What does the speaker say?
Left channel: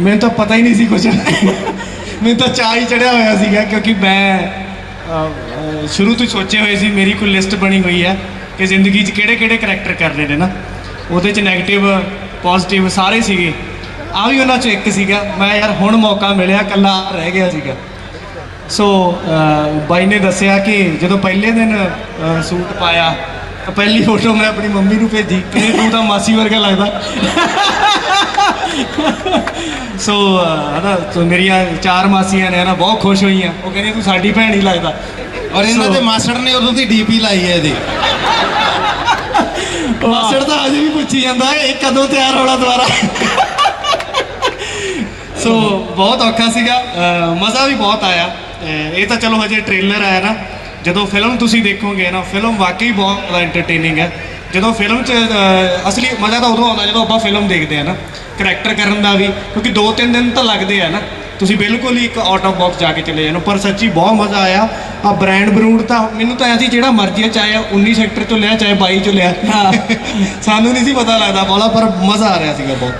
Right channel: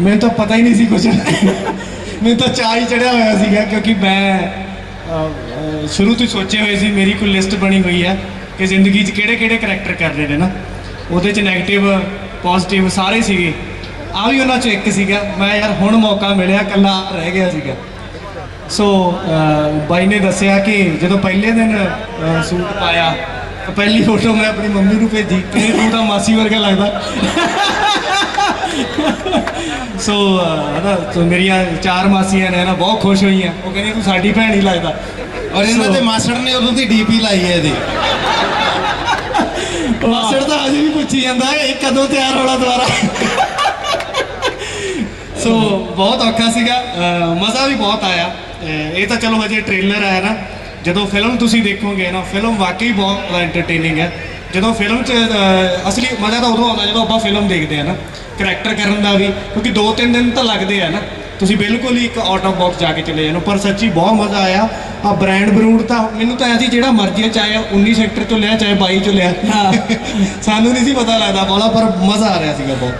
ਮੈਨੂੰ ਤਾਂ ਪਤਾ ਹੀ ਨਹੀਂ ਸੀ ਕੁਝ ਮੈਨੂੰ ਤਾਂ ਚਾਹ ਹੀ ਚੜਿਆ ਹੋਇਆ ਸੀਗਾ ਕਿਉਂਕਿ ਮੈਂ ਅਹ, ਸ਼ੁਰੂ ਤੋਂ ਹੀ ਸੋਚੇ ਹੋਏ ਸੀ ਮੇਰੀ ਕੋਈ ਲਿਸਟ ਬਣੀ ਹੋਈ ਹੈ ਕਿ ਜ਼ਿੰਦਗੀ 'ਚ ਕਿਹੜੇ ਕਿਹੜੇ ਕਰੈਕਟਰ ਕਰਨੇ ਨੇ ਨਾ। ਉਹਦੇ 'ਚ 네ਗੇਟਿਵ ਪੋਜ਼ਿਟਿਵ ਸਾਰੇ ਸੀਗੇ। ਆ ਵੀ ਉਹਨਾਂ 'ਚੋਂ ਇੱਕ ਸੀਗਾ। ਮੈਂ ਯਾਰ ਹੁਣ ਮੌਕਾ ਮਿਲਿਆ ਕੱਲਾ ਰਹਿ ਗਿਆ ਸੀਗਾ। ਸੋ ਅਹ, ਬਾਈ ਨੇ ਦੱਸਿਆ ਕਿ ਜਦੋਂ ਪਹਿਲੇ ਦਿਨ ਅਹ, ਸੂਟ ਪਾਇਆ ਤਾਂ ਪਹਿਲੀ ਫੋਟੋ ਮੈਂ ਆਪਣੀ ਮੰਮੀ ਨੂੰ ਭੇਜੀ ਕਿ ਤੂੰ ਤਾਂ ਮਾਸੀ ਵਰਗਾ ਲੱਗਦਾ। ਸੋ ਅਹ, ਹਨਾ ਸੋ ਮੇਰੀਆਂ ਚਾਰ ਮਾਸੀਆਂ ਨੇ ਹਨਾ ਬਹੁਤ ਖੁਸ਼ ਹੋਈਆਂ। ਉਹ ਕਹਿੰਦੀ ਤੂੰ ਸਾਡੀ ਭੈਣ ਹੀ ਲੱਗਦਾ। ਔਰ ਇਹਨਾਂ ਦੇ ਮਾਸਟਰ ਨੇ ਉਦੋਂ ਦੀ ਡੀਪੀ ਲਾਈ ਹੈ ਇਹਦੀ। ਮਾਸੜ ਤਾਂ ਅਜੇ ਵੀ ਪੁੱਛੀ ਜਾਂਦਾ ਇਹ ਕਦੋਂ ਤਿਆਰ ਹੋਣਾ ਦੁਬਾਰਾ? ਸੋ ਬਹੁਤ ਔਖਾ ਸੀਗਾ। ਮਜ਼ਾ ਵੀ ਬਹੁਤ ਆਇਆ। ਇਹ ਤਾਂ ਚਲੋ ਹਜੇ ਟ੍ਰੇਲਰ ਆਇਆ ਨਾ। ਜਦੋਂ ਫਿਲਮ ਤੁਸੀਂ ਦੇਖੋਗੇ ਨਾ ਫਿਲਮ ਵਾਕਈ ਬਹੁਤ ਐਂਟਰਟੇਨਿੰਗ ਹੈ। ਜਦੋਂ ਫਿਲਮ 'ਚ ਅਸਲੀ ਮਜ਼ਾ ਤਾਂ ਉਦੋਂ ਆਉਂਦਾ ਜਦੋਂ ਆਪਾਂ ਫਿਲਮ ਦੇਖਦੇ ਆ ਨਾ। ਕਰੈਕਟਰ ਕਰਨ ਦਾ ਵੀ ਕਿਉਂਕਿ 2-3 ਦਿਨ ਤਾਂ ਲੱਗਦੇ ਆ ਨਾ। ਤੁਸੀਂ ਬਿਲਕੁਲ ਹੀ ਇੱਕ ਆਊਟ ਆਫ ਬਾਕਸ ਜਾ ਕੇ ਚਲੇ ਜਾਣੋ। ਪਰ ਸੱਚੀ ਬਹੁਤ ਮਜ਼ਾ ਆਇਆ। ਆ ਬ੍ਰਾਂਡ ਬਰੂਡ ਤਾਂ ਮੈਨੂੰ ਤਾਂ ਐਂ ਸੀ ਜਿਹੜਾ ਮਰਜ਼ੀ ਚਾਹੇ 19 ਸੈਕਟਰ ਚੋਂ ਲਿਆ ਚਾਹੇ 22 ਚੋਂ ਲਿਆ। ਸਾਨੂੰ ਨਹੀਂ ਸੀ ਪਤਾ ਲੱਗਦਾ ਬੋਲਾ ਪਰ ਮਜ਼ਾ ਆ ਰਿਹਾ ਸੀਗਾ ਬਹੁਤ।